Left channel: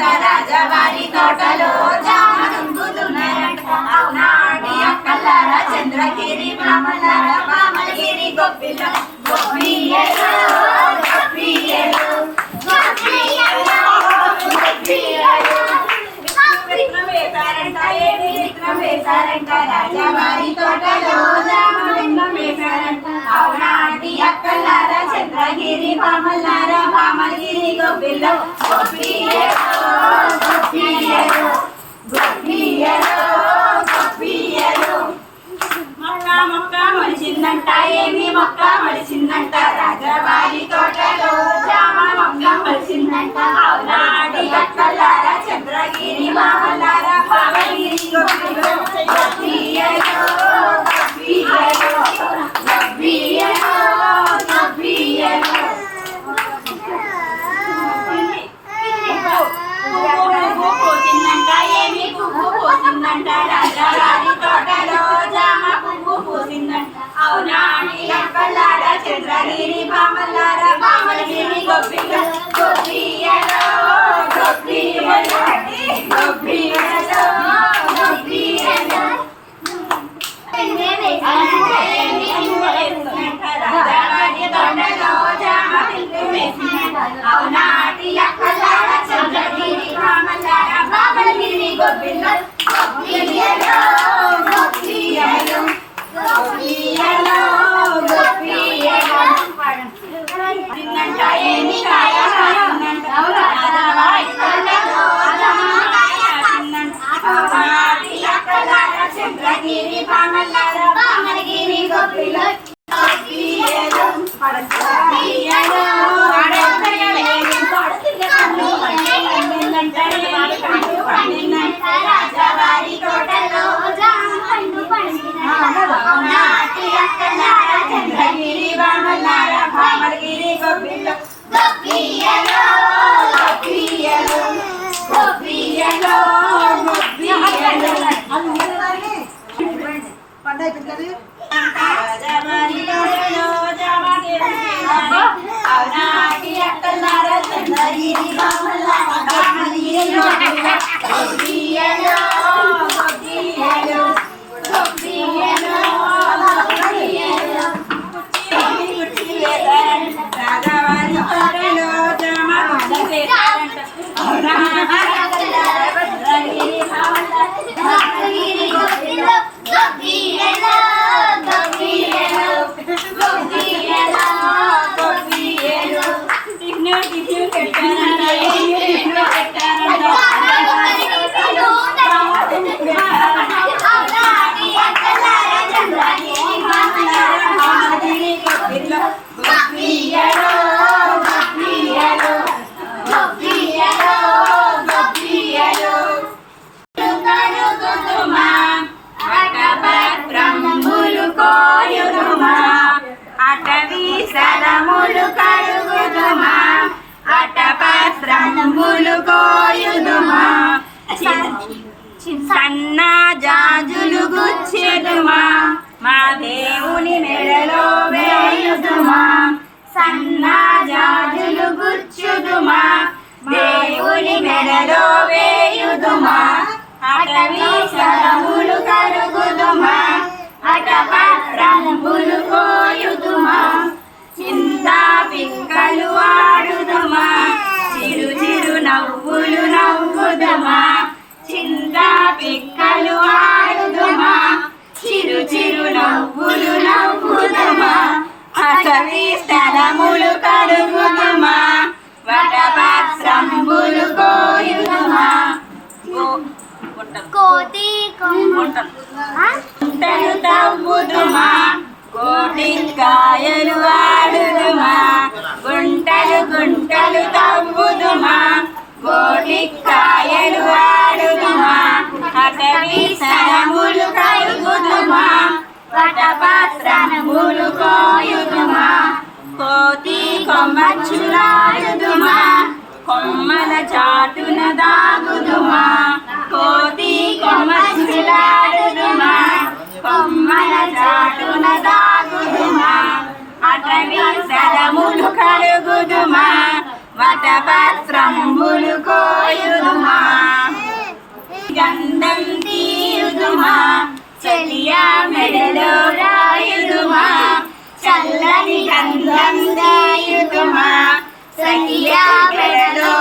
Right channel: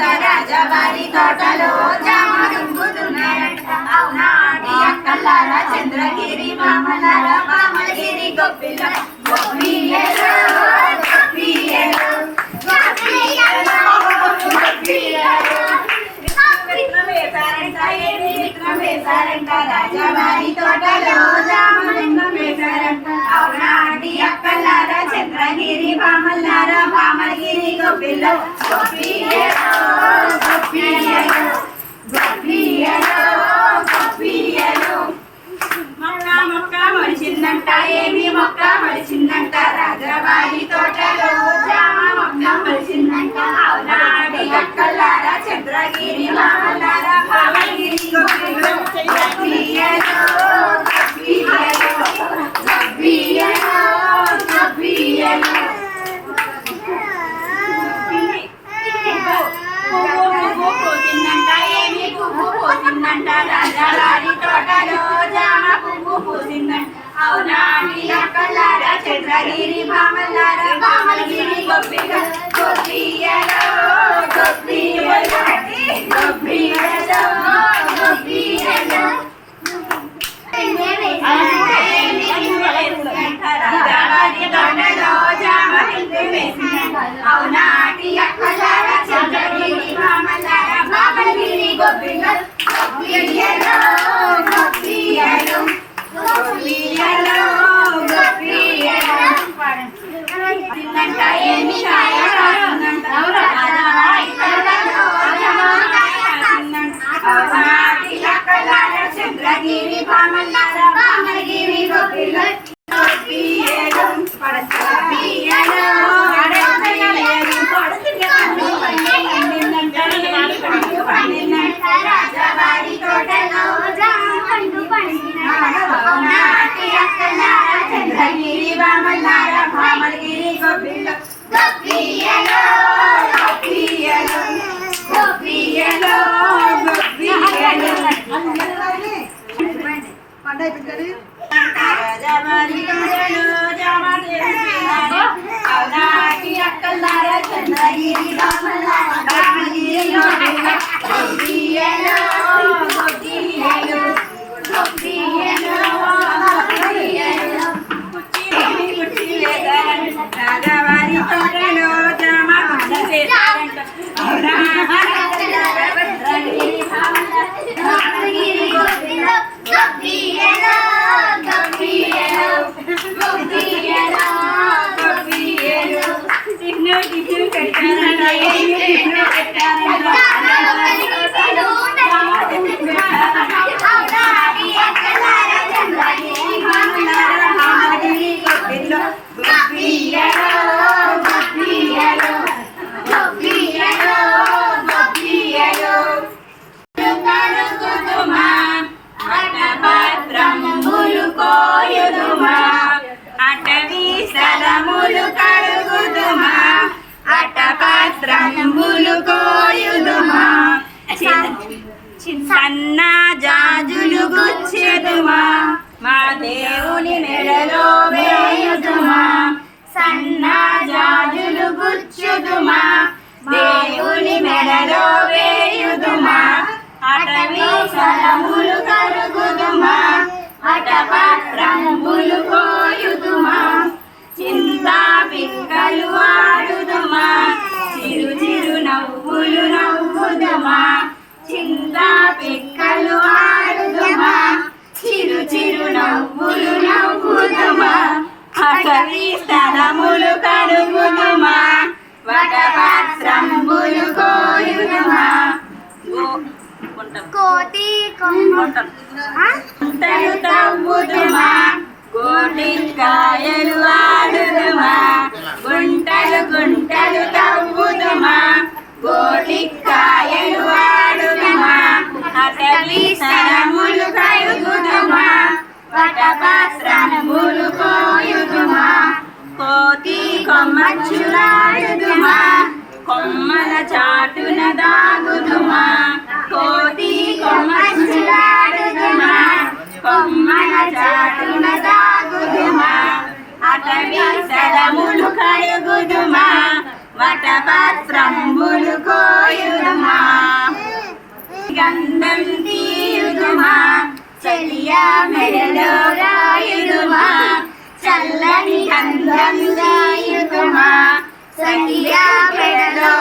వేశారంట రాజవారి తోటలో జామ అవునాటి అక్కలారా చంద్రగిరి మామలార మామలగిరి గొప్పిల విక్రమ వేశారంట విక్రమ వేశారంట రాజవారి తోటలో జామ విక్రమ వేశారంట. అవునాటి అక్కలారా చంద్రగిరి భామల్లారా మామలగిరి గోపిల్లో. గోపియలో గోపియలో గోపియలో గోపియలో మొక్క మొక్క మొలిచిందంట ఏమి మొక్క మొలిచిందంట రాజవారి తోటలో జామ మొక్క మొలిచిందంట అవునాడి అక్కలారా చంద్రగిరి భామల్లారా భామగిరి గోపిల్లో గోపియలో గోపియలో గోపియలో గోపియలో పువ్వు పూసిందంట ఏమి పువ్వు పూసిందంట. రాజావారి తోటలో జామ పువ్వు పూసిందంట. అవునాడి అక్కలార చంద్రగిరి భామల్లార భామగిరి గొప్పిల గొప్పియలో గొప్పియలో గొప్పియలో గొప్పియలో రాజావారి భామగిరి గొప్పిల గొప్పియలో గొప్పియలో గొప్పియలో గొప్పియలో తిన్నంట కాయ చంద్రగిరి భామల్లార భామగిరి గొప్పిల గొప్పియలో గొప్పియలో రాజావారి తోటలో పండు పండిన నాటి అక్కలార చంద్రగిరి భామల్లార భామగిరి గొప్పిలో గొప్పియలో గొప్పియలో గొప్పియలో గొప్పియలో పండు అయిపోయింది రాజావారి అవునాటి అక్కలార చంద్రగిరి భామల్లార భామగిరి అటవీ సరములు కడుగుదుమా వటభద్రములు కోయుదుమా సన్న జాజులు గుచ్చెదుమా? మా దేవుని నెలలో వేయుదుమా? సన్నా కడుగుదుమా వటపత్రంబులు కోయుదుమా కోతి గుంటలు తవ్వుదుమా. గోటికాయలు ఆడుదుమా గుంటలు గుంటలు తవ్వుదుమా. గోటికాయలు ఆడుదుమా అటవీ సరములు కడుగుదుమా. వటపాత్రములు కోయుదుమా. కోతి కొమ్మచ్చులాడుదుమా కొమ్మల చాటున దాగుదుమా? కోతి కొమ్మచ్చులాడుదుమా కొమ్మల చాటున దాగుదుమా? అటవీ సరములు కడుగుదుమా? వటపత్రంబులు కోయుదుమా? గంధం తీయుదుమా? చెలియా మెడలో చల్లని గంధం రాయుదుమా సఖియా మెడలో